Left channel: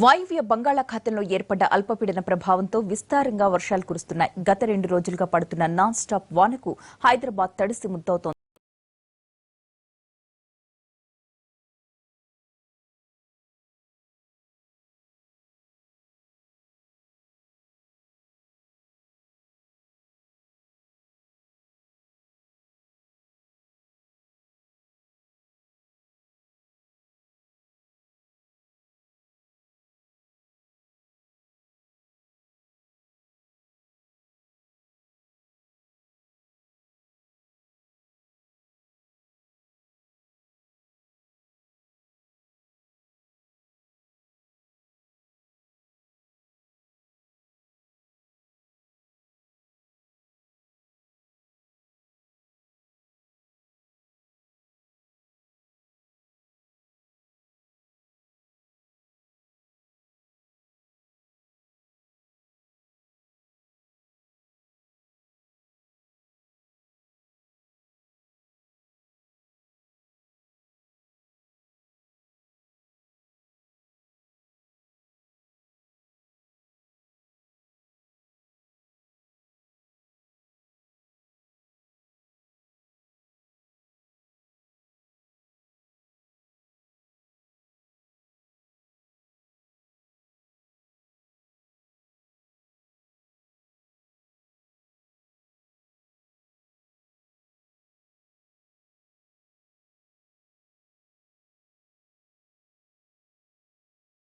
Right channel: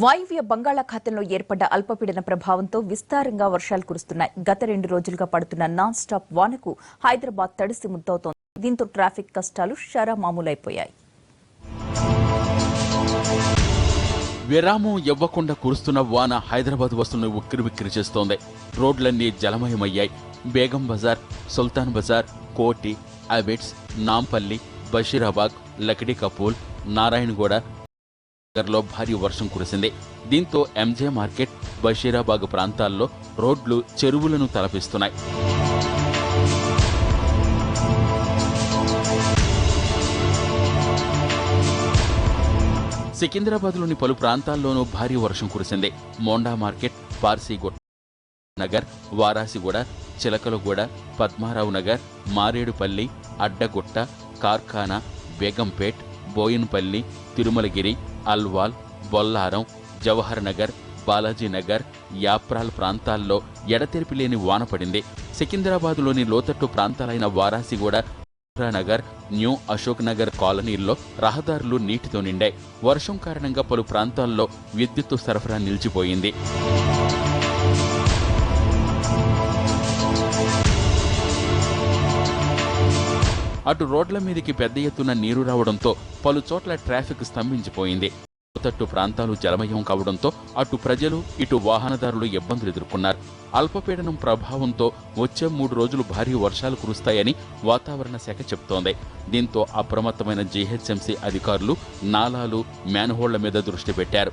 వాయువ్య బంగాళాఖాతంలో ఏర్పడ్డ అల్పపీడన ప్రభావంతో విస్తారంగా వర్షాలు కురుస్తున్నాయి. గత 2 రోజులుగా పడుతున్న నాన్ స్టాప్ వానకు హైదరాబాద్ తడిసి ముద్దవుతోంది. దీంతో ట్రాఫిక్ కష్టాలు షరామామూలైపోయాయి. విరామం ఇవ్వకుండా కురుస్తున్న వాన హైదరాబాద్ వస్తువులను ఉక్కిరిబిక్కిరి చేస్తోంది. రోడ్లన్నీ జలమయమయ్యాయి. బేగం బజార్, సుల్తాన్ బజార్, కోటి, అబిడ్స్, నాంపల్లి, బషీరాబాగ్, లకిడీ కపూల్, నారాయణగూడ లో భారీ వర్షం కురిసింది. దీంతో ఎంజే మార్కెట్, బషీరాబాగ్ ప్రాంతాల్లో రోడ్లు చెరువులను తలపిస్తున్నాయి. సికింద్రాబాద్లోని పలు ప్రాంతాల్లోనూ భారీ వర్షం కురిసింది. మోండా మార్కెట్, పార్సీగూడ నగర్, వారాసిగూడ, చిలకలగూడ, పద్మారావు నగర్, మారేడుపల్లి, అడ్డగుట్ట, కార్ఖానా, బేగంపేట్, బోయిన్పల్లి, తిరుమలగిరి, అల్వాల్, బొల్లారం, జవహర్ నగర్, బాలాజీనగర్, యాప్రాల్ ప్రాంతాల్లో ఎడతెరిపి లేని వాన పడింది. సికింద్రాబాద్లోని లోతట్టు ప్రాంతాలైన వారాసిగూడ, నగర్, న్యూ అశోక్ నగర్ కాలనీల్లో రహదారులు నీటితో నిండాయి. వర్షం కారణంగా పలు ప్రాంతాల్లో విద్యుత్తు సరఫరా నిలిచిపోయింది. అటు రోడ్ల మీదికి పెద్ద ఎత్తున నీరు రావడంతో పలు చోట్ల ట్రాఫిక్ స్తంభించిపోయింది. లోతట్టు ప్రాంతాలు జలమయం కావడంతో అటు ప్రజలు, ఇటు వాహనదారులు ఇబ్బందులు ఎదుర్కొన్నారు. అల్పపీడనం ప్రభావంతో వచ్చే 3 రోజులు భారీ వర్షాలు కురుస్తాయని వాతావరణ శాఖ చెబుతోంది. దీంతో అప్రమత్తమైన జీహెచ్ఎంసీ అధికారులు నాలాలు, మ్యాన్హోళ్ల మీద దృష్టి పెట్టారు.